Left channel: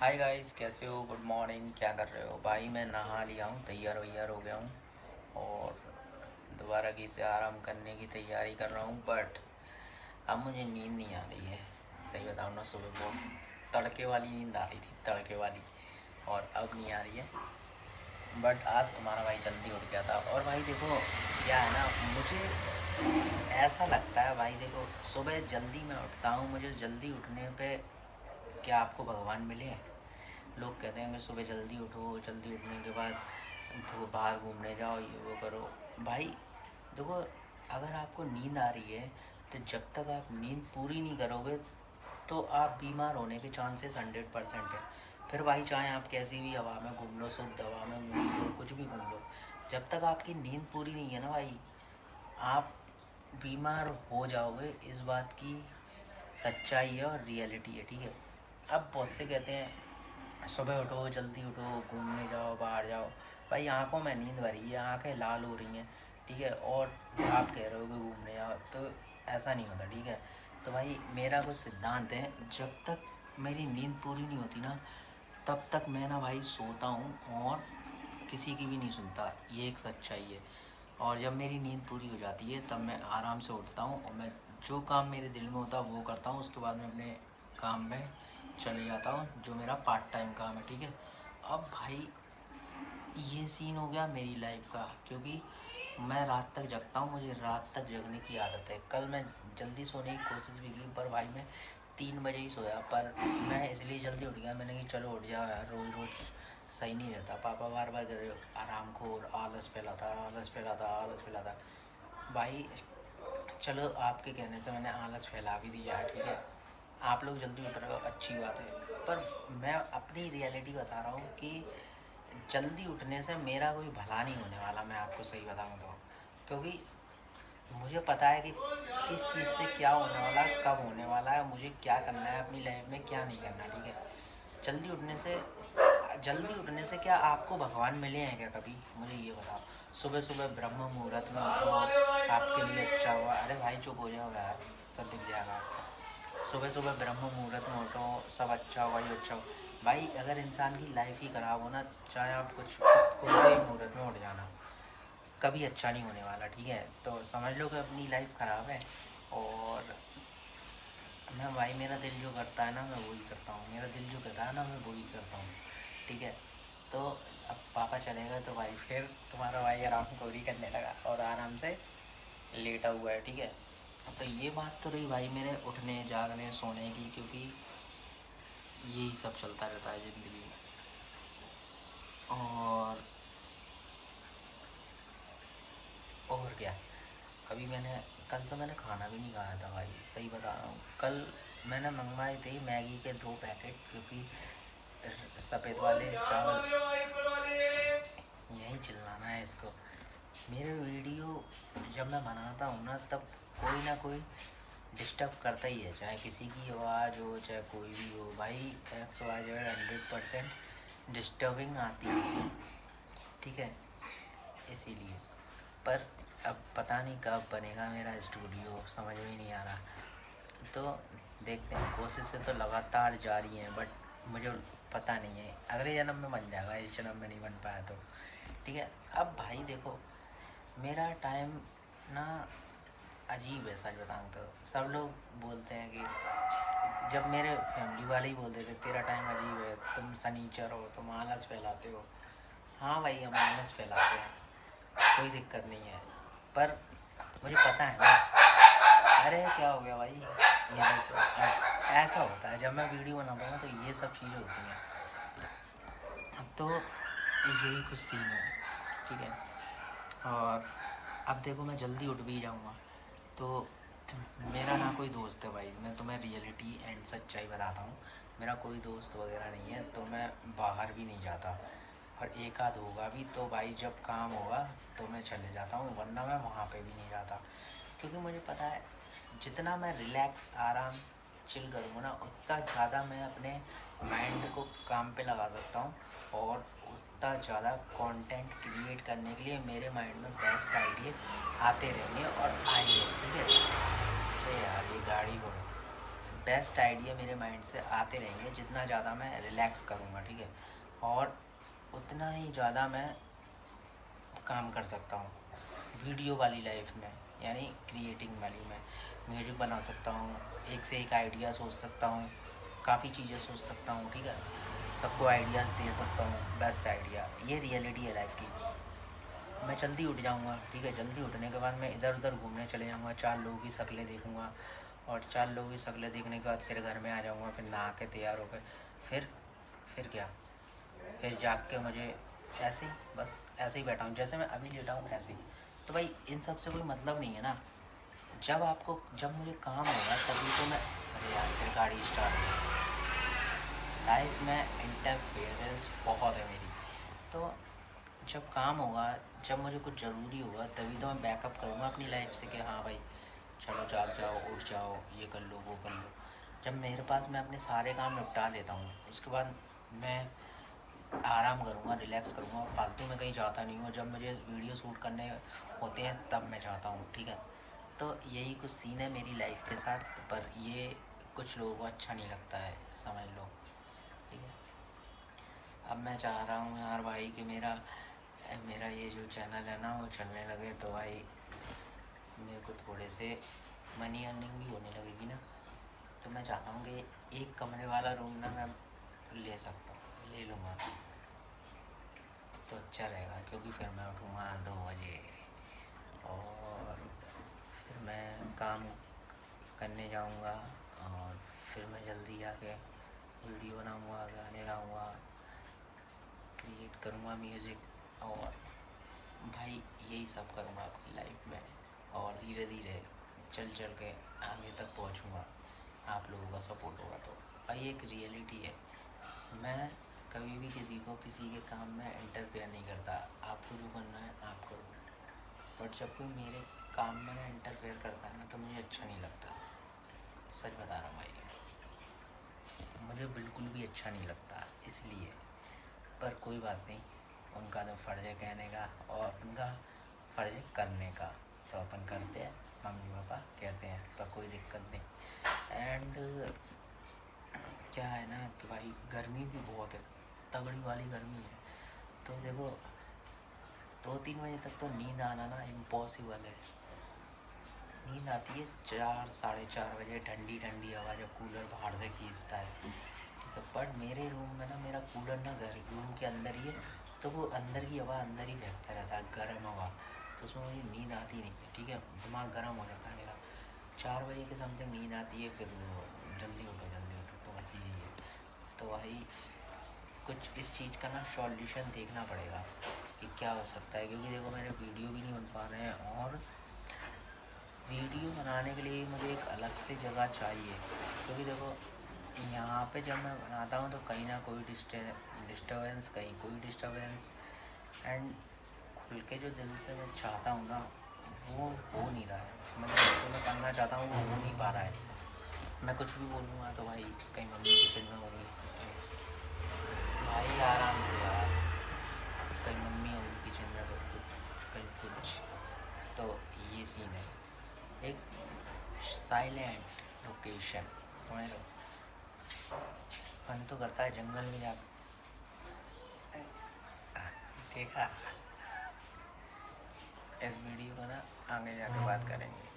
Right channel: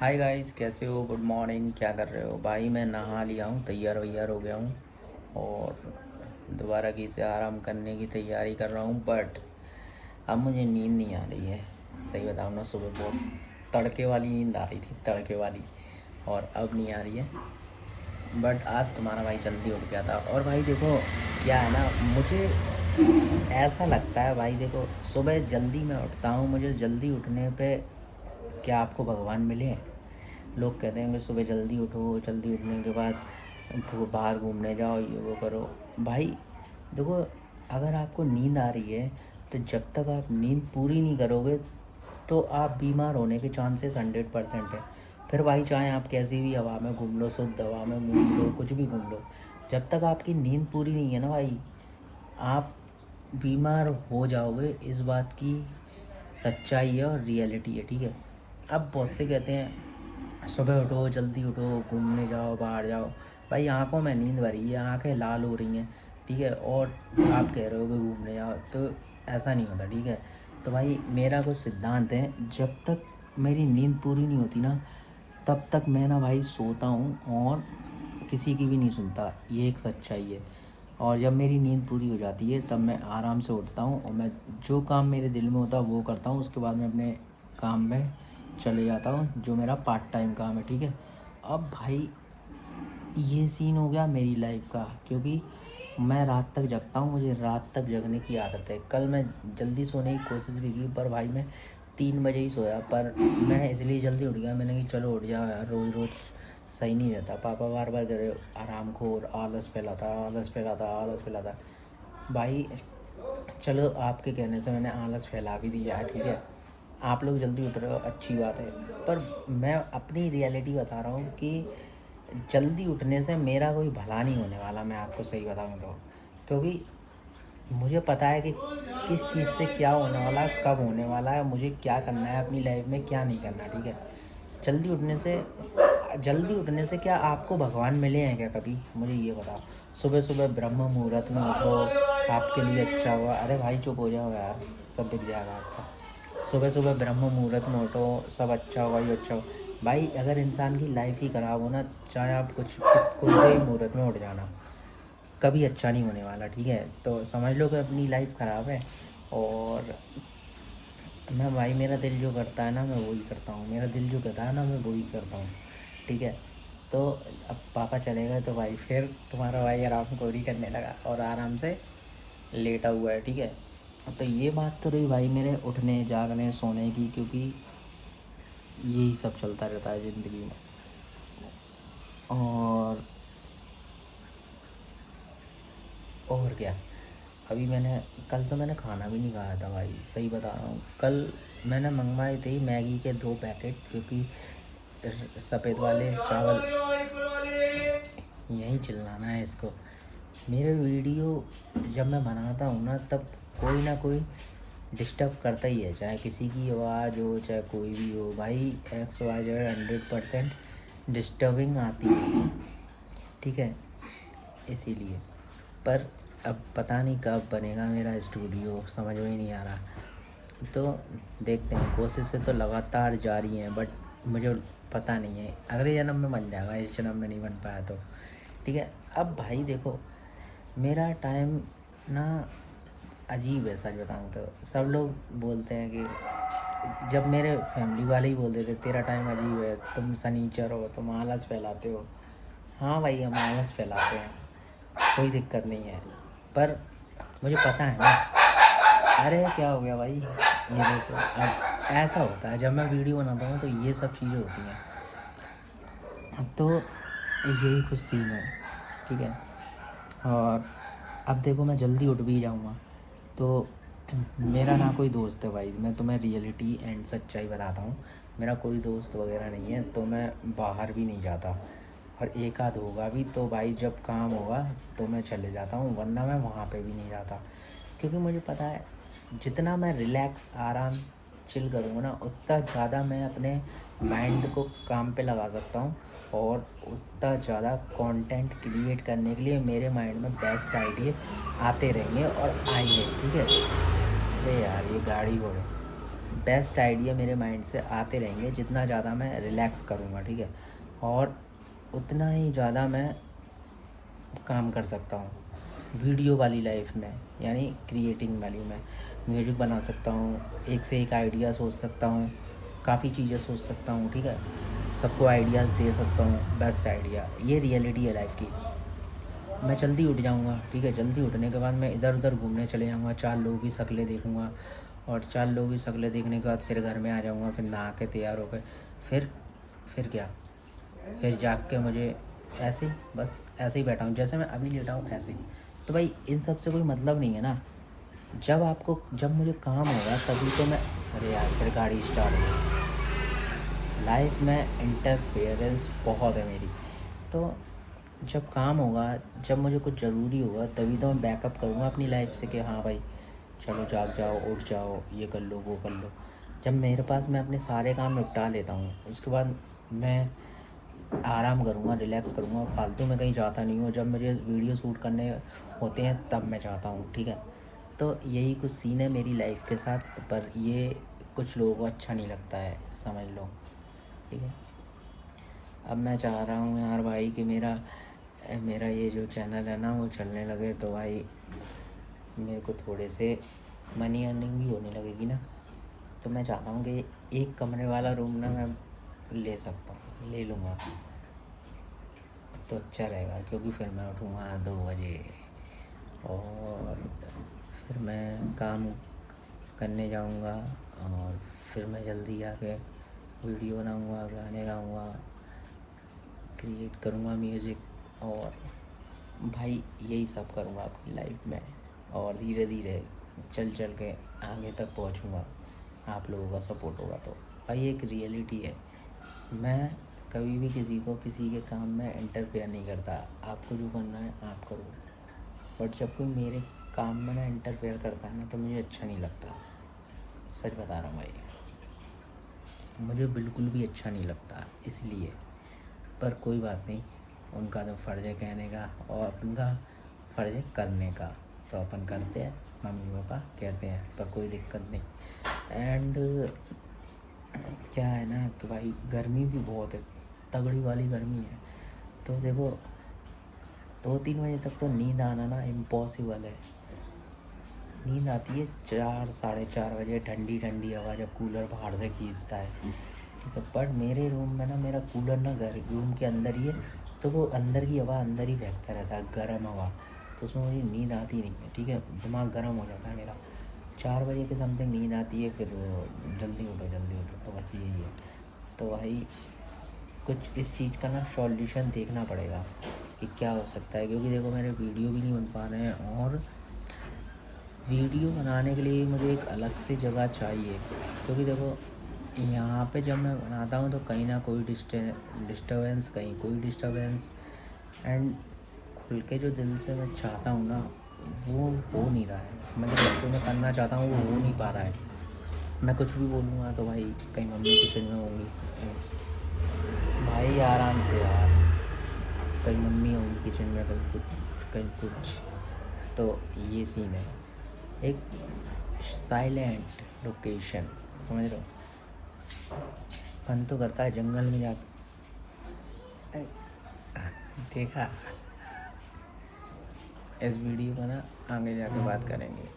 Hi guys, कैसे हो? Good morning. क्या कर रहे हो भाई? मैं नहा लिया हूँ, तैयार वैयार हो गया हूँ और दोबारा की से आराम करने की तैयारी कर रहा हूँ। बट अब मुझे नींद नहीं आ रही है। सही बताऊँ ना, सुबह बहुत तड़के वाली नींद आ रही थी, तड़के वाली, और अब नहीं आ रही है। बट आज तुम्हारा भाई जल्दी उठ गया था। और भाई देखो, क्या है ना, मुझे ऐसा लगता है भाई, देखो सुबह जल्दी मैं उठता हूँ, मुझे जल्दी उठने पे क्या आपको भगवान मिले हैं? लोग कहते हैं कि सुबह जल्दी उठो, जल्दी उठने के बाद बाहर घूमने जाओ, ये वो करो। भाई देखो, अगर आपको नींद आ रही है तो जब तक आप नींद पूरी नहीं करोगे तो आप बीमार होने के चांसेस 100% है। फिर भाई चाहे आप कैसी भी हवा में घूम लो, शुद्ध हवा में घूम लो, कुछ भी घूम लो, जब तक आपकी नींद पूरी नहीं है ना भाई, आप बीमार हो जाओगे। इस बात की सच्चाई है और रियलिटी है, ठीक है। अब बहुत से कहते हैं सुबह उठो, जल्दी उठो, घूमने जाओ, बाहर जाओ। भाई आंखों में नींद भरी है, आंखें लाल हो रही हैं, ठीक है, और आप कह रहे हो कि घूमने जाओ, तो ऐसा नहीं होता, ठीक है। तो भाई मेरा कुछ सिद्धांत है, जब तक मेरी नींद पूरी नहीं होती ना, तब तक मैं ना भाई सोता हूँ और किसी की भी नहीं सुनता। ये एक सच्चाई है। और जब मेरी नींद पूरी हो जाती है तब मैं आराम से उठता हूँ और मैं जो काम मेरे दिल में होता है वो करता हूँ। उसके बाद मैं अपने काम में चले जाता हूँ, जो मेरा पार्ट टाइम काम है, ठीक है। अब भाई ये सीन हो गया मेरी लाइफ का, क्योंकि मैं रात तक जगता हूँ, मुझे रात तक जगने की आदत है। कल मैं जल्दी सोने की कोशिश भी की, पर भाई मैं 3 बजे ही सोया। पर मैं इसलिए जल्दी उठ गया, मैंने कि चलो उठ जाओ यार, रोज़ रोज़ सही नहीं रहता। पापा बार बार कह रहे आराम खोर, आलस फैलाता, आलस फैलाता, आलस फैलाता। भाई चलो, आपके कहने से मैंने आलस फैला भी दिया है, ठीक है। आप लोग जल्दी उठ रहे हो, अच्छी बात है। पर मैं अपनी रियलिटी बता रहा हूँ कि जल्दी उठने से मेरा कोई भला नहीं होने वाला, मैं आपको सही बताऊँ तो। क्योंकि मुझे पता है कि किस चीज़ से क्या होने वाला, कब होने वाला है, मुझे क्या करना है अपनी लाइफ में, क्या नहीं करना, ठीक है। जल्दी उठने से जल्दी उठने से क्या आपको भगवान मिले हैं क्या कभी? मुझे ये बताओ। सुबह सुबह ब्रह्म मुहूर्त में उठो, आपके लिए अच्छा हुआ। अरे भाई चुप हो जाओ यार, सब बिक जाएगा आपका। सुबह सुबह ब्रह्म मुहूर्त में उठो, सब अच्छा हुआ, ये अच्छा हुआ। भाई अगर इंसान की लाइफ ही ख़राब हो ना, चाहे आप कुछ कोई से ही मुहूर्त में उठ जाना, कभी अच्छा नहीं होने वाला, ठीक है। तो समझ लो कि अपनी लाइफ ख़राब है। और मैं भाई, मेरा दिल जो करता है ना मैं वही करता हूँ, मेरा दिल जो कहता है ना मैं वही करता हूँ, ठीक है। तो अब पापा चले गए तो भाई फिर तुम्हारा भाई आराम खोरी करने लगा और आराम से लेटा हुआ है, ठीक है। तो ये बात तो रही भाई मेरे उठने, जागने, सोने की, क्योंकि यही सब चलता रहता है ज़िंदगी में। और और क्या, अभी मैंने कल तो मैंने खाना भी नहीं खाया था भाई, सही बता रहा हूँ। कल मैंने मंगवाए थे मैगी के 2 पैकेट, क्योंकि सफ़ेद वाले चावल, यही चिल्लाना है इसको। मेरे वीडियो जब मैं बनाता हूँ ना, तब कोई ना कोई डिस्टर्ब करता ही है, चाहे किसी की आवाज़ हो, चाहे कोई भी हो। भाई XYZ 100% डिस्टर्बिंग आती है, ठीक है, इसीलिए। पर अब पता नहीं कब बनेगा मेरा स्टूडियो, समझ में ही नहीं आ रहा। तो देखते हैं, कोशिशें तो लगातार जारी हैं, बट मुझे पता नहीं है, अगले जन्म में बन जाएगा, इस जन्म में नहीं बन पाया तो, ठीक है। अब भाई देखो, मेरा टाइम ना अजीब है, सच बताऊँ तो। सब लोग बोलते हैं कि जब मेरे फैमिली वाले ही बोलते थे तेरा टाइम अजीब है, तुम सनीचर हो, तुम आलस फैलाते हो। हाँ भाई, हम आलस फैलाते हैं, कोई दिक्कत नहीं है। पर मुझे पता है ना। अरे क्या हो गया भाई, ये देखो, अब ऐसा होता है जब मैं वीडियो बनाता हूँ तो ये सब चीज़ें होती हैं। तो यही कुछ सीन है, ठीक है। और अब देखो, मैं जल्दी उठ भी जाऊँगा तो मेरा ना कोई दोस्त है भाई, मैं तुम्हें रियलिटी एंड सच्चाई बताता हूँ। मेरा कोई दोस्त वगैरह नहीं है, तो मैं बाहर भी नहीं जाता। और एक आध होगा भी तो भाई जब काम होगा तो मैं चले जाता हूँ, वरना मैं वहाँ पे भी नहीं जाता। क्योंकि मुझे पता है, जितना मैं रिलैक्स, आराम, चिल करूँगा ना, उतना ज़्यादा मैं अपने माइंड को काम पे लगा सकता हूँ। और उतना ज़्यादा कंटेंट क्रिएट करने के लिए मेरे माइंड में बेस्ट आइडिया आते रहेंगे और आएंगे, ठीक है। अरे यार, ये गाड़ी हो रही। बेस्ट आइडिया मेरे माइंड से आते रहेंगे जितना ज़्यादा मैं रिलैक्स करूँगा, ठीक है, और उतना ही ज़्यादा मैं काम कर सकता हूँ वीडियो वाली लाइफ में, यानी क्रिएटिंग वाली में। म्यूजिक बना सकता हूँ, एक से एक आइडिया सोच सकता हूँ, काफ़ी चीज़ें सोच सकता हूँ, ठीक है, सबको आइडियाज़ दे सकता हूँ। बेस्ट आइडिया, ये रियलिटी है लाइफ की। मैं जल्दी उठ जाऊँगा, ठीक है, जल्दी उठने के बाद मैं इधर उधर घूमने चले जाऊँगा, 4 लोगों की शक्लें देखूँगा, और 4 लोगों की शक्लें देखने के बाद फिर घर में आ जाऊँगा, फिर नहा के तैयार होकर फिर क्या, फिर जाग के मुझे ऐसे ही, बस ऐसे ही बैठा हूँ जैसे मैं अभी लेटा हूँ ऐसे ही। तो भाई इन सब से कोई मतलब नहीं है ना। जब मुझे काम होगा तभी तो मैं, अरे यार फिर गाड़ी स्टार्ट हो। लाइफ में इंटरफेरेंस बहुत है मेरी। तो जब काम होगा, जब मुझे कुछ ज़रूरी होगा तभी तो मैं बैकअप करूँगा अपनी लाइफ से कि हाँ भाई चलो जाग जाओ, उठ जाओ, ये कर लो, वो कर लो। जब मेरे पास, मैं अपने सारे काम निपटा लेता हूँ, उसके बाद मैं आराम करूँगा, रिलैक्स करूँगा, फालतू में कहीं जाता नहीं हूँ। जब मुझे वीडियो शूट करने होते हैं तब मैं जाता हूँ, ठीक है। तो यही कुछ सीन है मेरी लाइफ के साथ, पर ये कुछ लोगों को अच्छा नहीं लगता है, समझ लो, ठीक है। अब मैं चाह रहा हूँ यार भाई कि मेरा मेरा ये जो चैनल है ना वो चलने लगे, तो भाई मेरे को थोड़े से मनी अर्निंग भी होने लगेगी ना। तो मैं चाहता हूँ कि एक कमरे वाला रूम ना मैं ले सकता हूँ, ले लूँगा तो अच्छा रहेगा, क्योंकि फिर मैं उठूँगा 2 बजे और फिर मैं काम करने जाऊँगा, और फिर मैं जल्दी आके वीडियो बनाऊँगा, गाने गाऊँगा, क्रिएट करूँगा म्यूज़िक, और भाई यही सब करूँगा अपनी लाइफ में, और धीरे धीरे चल चल के आगे तक पहुँचूँगा। आप लोगों का सपोर्ट होगा तो। भाई एक रियलिटी है, मैं कभी भी किसी को किसी के काम में इंटरफेयर नहीं करता। आपको जो करना है आप करो, बट जब कोई मेरे काम में ना इंटरफेयर करता है ना तो मुझे अच्छा नहीं लगता। सच बता रहा हूँ भाई, मुझे बिल्कुल भी अच्छा नहीं लगता, इसलिए। पर कोई बात नहीं, उनका तो फ़र्ज़ है कहने का और अपन का फ़र्ज़ है करने का, तो अपन करते हैं, मम्मी पापा कहते हैं, पर कोई दिक्कत नहीं। एंड क्या है ना कि भाई गर्मी भी बहुत है, तगड़ी वाली गर्मी है। तो देखो 2-3 बजे तक तो नींद आना ना इम्पॉसिबल है। नींद आती है 4-4:30 बजे, ठंडी ठंडी हवा जब कूलर बाहर से खींचता है, ठीक है। बट मेरे रूम में ना, मेरा कूलर ना घर रूम के अंदर ही है, तो वो अंदर की हवा अंदर ही फेंकता रहता है, गर्म हवा, तो उसमें मुझे नींद आती नहीं है, ठीक है। दिमाग गर्म हो जाता है मेरा। 4 बजे के समथिंग नींद आती है, फिर वो जल्दी उठो जल्दी उठो, तो बस यही है। तो भाई कुछ इस चीज़ का ना सॉल्यूशन देखना पड़ेगा कि क्या हो सकता है, क्योंकि देखो मेरे वीडियो भी नहीं बन पा रहे हैं, और वीडियो बनाने के लिए मुझे एक अलग से जगह चाहिए, क्योंकि देखो यहाँ पे जब मैं बनाता हूँ तो कहीं ना कोई डिस्टर्बेंस, कहीं कोई डिस्टर्बेंस, एंड खुल के जो दिल से मैं चाहता हूँ ना वो हो नहीं रहा है। मैं जो मैं करना चाहता हूँ वो हो नहीं पा रहा है। मैं कुछ भी बोलूँगा तो भाई कहीं मम्मी किचन में होंगी, भाई आराम से यार, कहीं मम्मी होंगी किचन में, कहीं कुछ, तो ये सीन है। एक साइलेंट लोकेशन, समझ रहे हो। मन तो करता है जंगल में जा, देखा। इस वीडियो का ना आगे जाके बात करेंगे।